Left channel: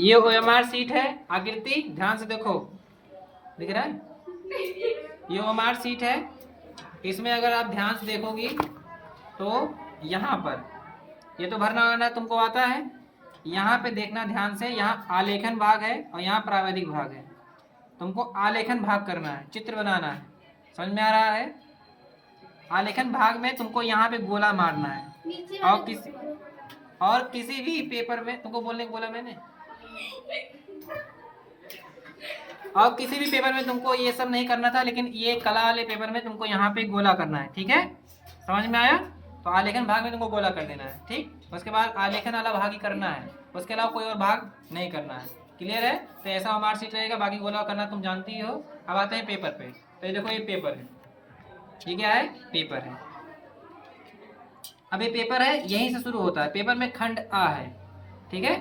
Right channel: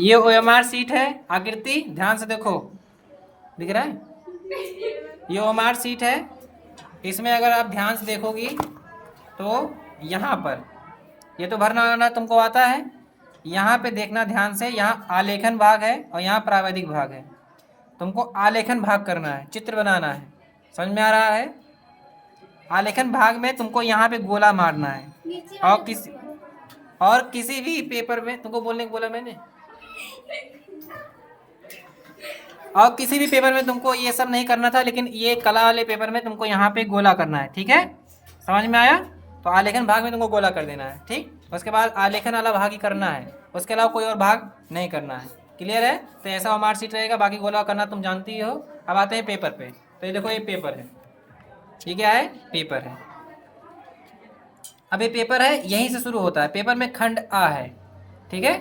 ये OMR sheet है। आकृति ध्यान से देखो, दिख रहा है? ये OMR शीट है। इसमें अगर आप ध्यान से देखोगी तो यहाँ पर ये तो भरना वाला तुमको आता है। यहाँ पे देखना ध्यान से, यहाँ आलेखन भाग है और यहाँ प्रावैधिक भाग है। तुमको आलेखन भाग करना है, चित्र बनाना है। समझ में आ रहा है? आलेखन भाग में तुमको यहाँ पे गोला मारना है। और किसी भी पेपर में तुमको बोलने को बोला मैंने, और किसी भी पेपर में तुमको ये सब नहीं करना था, लेकिन ये कला वाले पेपर में तुमको यहाँ पे गोला करना है। ठीक है, समझ में आया? तो आलेखन भाग में तुमको गोला कर देना है। ठीक, उसके बाद आलेखन वाला भाग ही करना है, उसके अलावा कोई और भाग नहीं करना है। क्लियर है? तो ऐसा मार्क शीट रहेगा, बाकी गोला करना तुम जानती हो। अब आते हैं पेपर पे। तो ये देखो, ये पेपर है। ये क्या है? पेपर है। अब ये पेपर है, यहीं से शुरू होता है। पेपर में खंड आ है। ठीक है,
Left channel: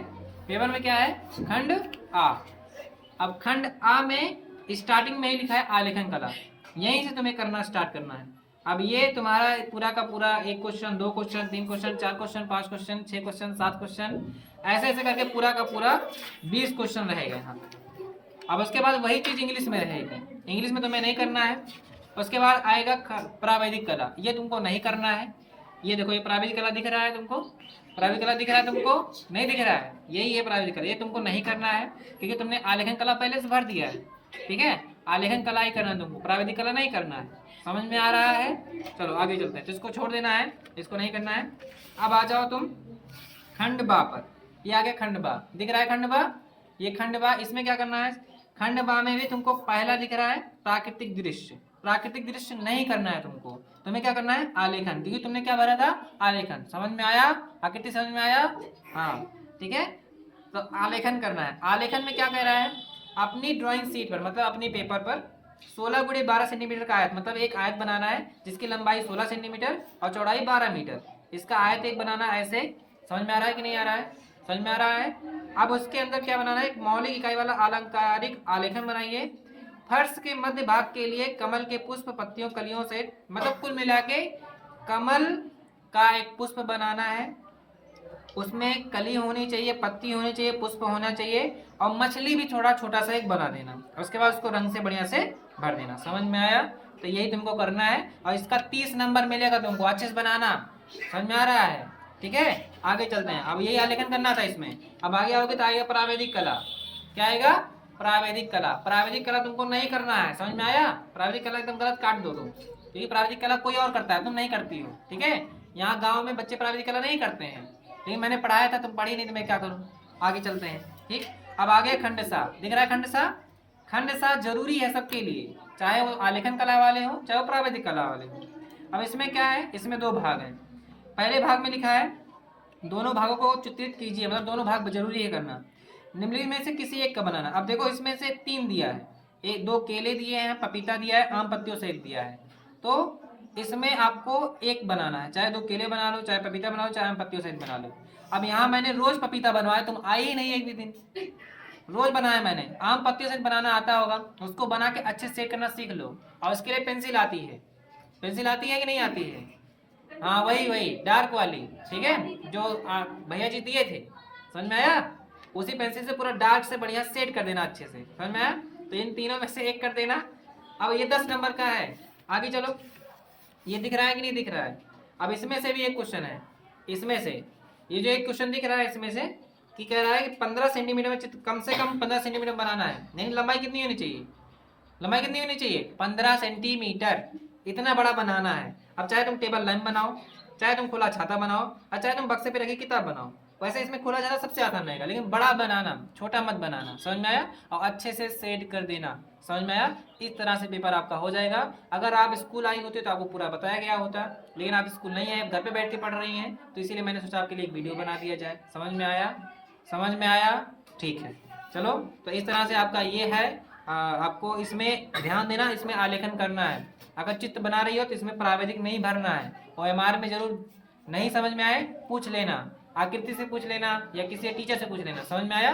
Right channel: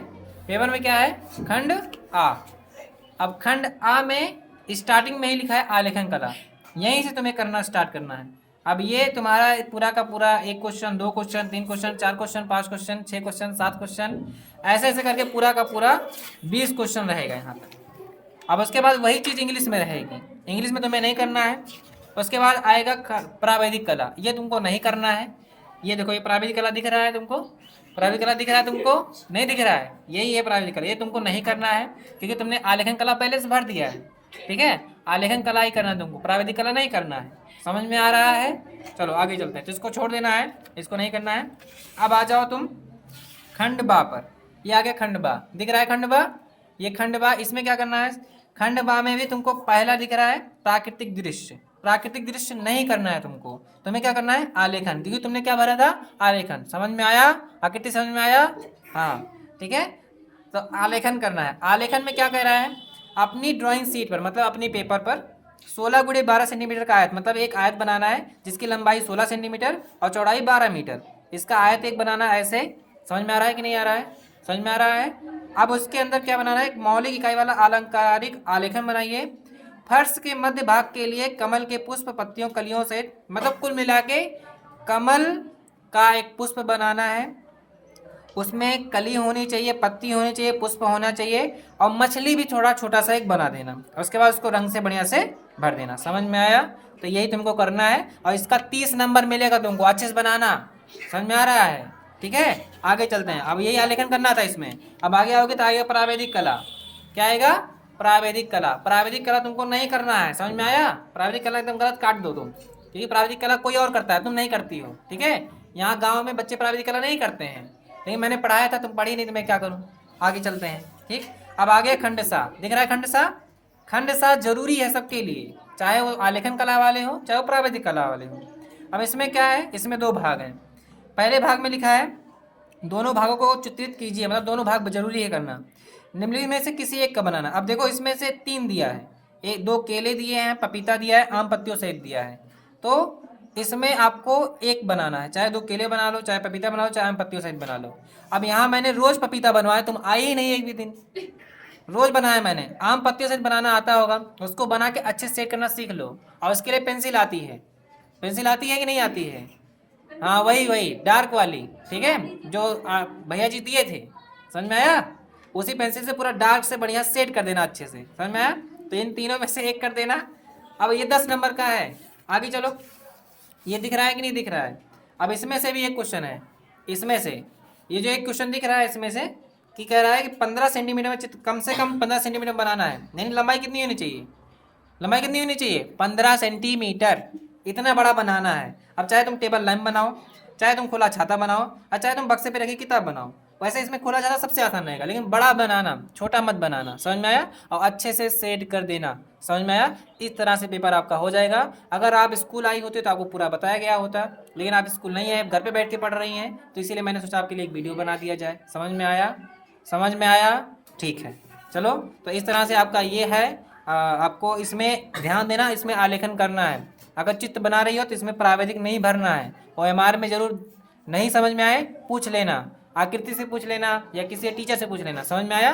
पेपर में क्या है? खंड आ। अब खंड आ में स्टार्टिंग में ही लिखा है आलेखन कला, यहीं से तुम्हें करना स्टार्ट करना है। अब ये तुम्हारा पूरा का पूरा 1 question, 2 question, 3 question, 4 question, 5 question, 6 question, 7 question, ऐसे ऐसे करके पूरा का पूरा 20 क्वेश्चन रहेगा यहाँ पर। अब उसके बाद वही चीज़ इंग्लिश में रहेगी। इंग्लिश में तुम्हें नहीं करना है। उसके बाद आएगा प्रावैधिक कला, ये तुमको नहीं करना है। ये देखो, ये प्रावैधिक कला दिख रहा है तुमको? प्रावैधिक कला दिख रहा है तुमको? नहीं दिख रहा है? यही है प्रावैधिक कला। ये तुमको नहीं करना है क्योंकि तुमने आलेखन कला पहले से भर दिया है। ठीक है, आलेखन कला ही करना है तुमको, प्रावैधिक कला नहीं करना है। समझ में आ रहा है? चलो आगे चलते हैं। तो इसको छोड़ देना है, इसको नहीं करना है। अब आ जाओ तुम खंड बा पर। ये आ गया खंड बा, दिख रहा है खंड बा? ये खंड बा, इसमें क्या करना है? खंड बा में भी तुमको पहला दिख रहा है प्राकृतिक दृश्य। प्राकृतिक दृश्य नहीं करना है तुमको, तुम्हें क्या करना है? आलेखन, क्योंकि तुमने क्या भरा था? आलेखन। समझ में आया? आकृति समझ में आया? हाँ, ठीक है। तो आलेखन करना है। आलेखन में क्या कह रहा है? अपनी ड्राइंग शीट पर, मतलब अपनी पेपर पर 16 × 12 सेंटीमीटर का आयत, मतलब एक आयत बनाना है जिसकी लंबाई 16 सेंटीमीटर और चौड़ाई 12 मीटर। इसका आयत एक बनाना है ऐसे। समझ में आ रहा है कि नहीं आ रहा है? समझ में आ रहा है? अब उसके अंदर क्या बनाना है? एक मौलिक इकाई वाला अलंकारिक आलेखन बनाइए। फर्श के मध्य भाग के लिए कमल के पुष्प, पत्तियों, कलियों से, मतलब कुल मिला के कमल का एक पुष्प बनाना है। उसमें कली होनी चाहिए, पत्ती होनी चाहिए, पुष्प होना चाहिए, और मछली भी थोड़ा छोटा सा एक बना देना। उसके बाद उसको रंग से बढ़िया से भर देना। समझ में आया? तो यही तुमको करना है और इसका 30 नंबर मिलेगा तुमको। अच्छे से बनाना। समझ में आ रहा है? ठीक है, आगे चलते हैं। अब यही आलेखन करना था इसमें। अब आगे आओगे तो आएगा प्रावैधिक कला। क्या आएगा? प्रावैधिक कला। प्रावैधिक कला तुमको नहीं करना है। समझ में आया? प्रावैधिक कला एकदम गलत काट दो तुम, क्योंकि प्रावैधिक कला कोई और करता है, तुम नहीं करती हो। ठीक है, यहाँ गाँव में बच्चे प्रावैधिक कला नहीं करते हैं, लेकिन मैंने पढ़ाया था, तुम पढ़ी नहीं तो मैं क्या करूँ। आगे चलते हैं। ठीक, अब आगे खंड सा दिख रहा है। खंड सा, खंड सा जरूरी है सबके लिए, चाहे वो आलेखन कला वाले हो चाहे वो प्रावैधिक कला वाले हो। अब इसमें क्या है? इसमें 2 भाग हैं। पहले भाग में लिखा है दोनों भागों को चित्रित कीजिए, मतलब दोनों भाग जरूरी है करना। निम्नलिखित में से किसी एक का बनाना। अब देखो, इसमें से 3 दिया है, एक 2 केले दिए हैं, पपीता दिया है, आम पत्तियों सहित दिया है। तो इसमें आपको एक बनाना है, चाहे 2 केले बना लो, चाहे पपीता बना लो, चाहे आम पत्तियों सहित बना लो। अब यहाँ मैंने रोज पपीता बनवाया, तुम आई ही नहीं एक भी दिन। रोज बनाया मैंने। आम पत्तियों सहित बनाना आता होगा, उसको बना के अच्छे से सेट करना सीख लो। और उसके लिए पेंसिल आती है। पेंसिल आती है कि नहीं आती है? हाँ, वही वही डार्क वाली। ठीक है, जो भैया जी दिए थे। समझ में आया? उसी पेंसिल से पूरा डार्क से बढ़िया सेट कर देना अच्छे से। समझ में आया? तो इन तीनों में से एक कर देना। अब ये 10 नंबर का है। आगे चलो, ये दिख रहा है कि नहीं दिख रहा है? अब इसमें से भी एक क्वेश्चन है। इसमें से ये जो एक क्वेश्चन दिख रहा है, इसमें से कि कह रहा है कि 15 सेंटीमीटर में कम से कम 15 सेंटीमीटर बनाना है। नहीं, लंबाई कितनी होनी चाहिए? लंबाई कितनी होनी चाहिए? 15 सेंटीमीटर। इतना बड़ा बनाना है। अब चाहे तुम टेबल लैंप बनाओ, चाहे तुम खुला छाता बनाओ, और चाहे तुम बक्से पे रखी किताब बनाओ। वैसे इसमें खुला छाता सबसे आसान रहेगा, लेकिन बड़ा बनाना, छोटा मत बनाना। समझ में आया? और अच्छे से सेट कर देना। समझ में आया? इस तरह से पेपर आपका हो जाएगा। अगर आप स्कूल आई होती तो आपको पूरा बताया गया होता, लेकिन आप स्कूल नहीं आए, घर पे बैठ के पढ़ रही हैं, तो इसीलिए मैंने सोचा आपके लिए एक वीडियो बना दिया जाए। समझ में आया? समझ में आया? ठीक है, चलो। तो इस तरह से आपका ये है। आपको इसमें ध्यान देना, इसमें आलेखन करना है। अगर चित्र बना रही हो तो इसमें प्रावैधिक नहीं भरना है। OMR में जरूर नहीं समझ में आए पूछ लेना, आकृति से पूछ लेना या किसी टीचर से पूछ लेना। समझ में आया?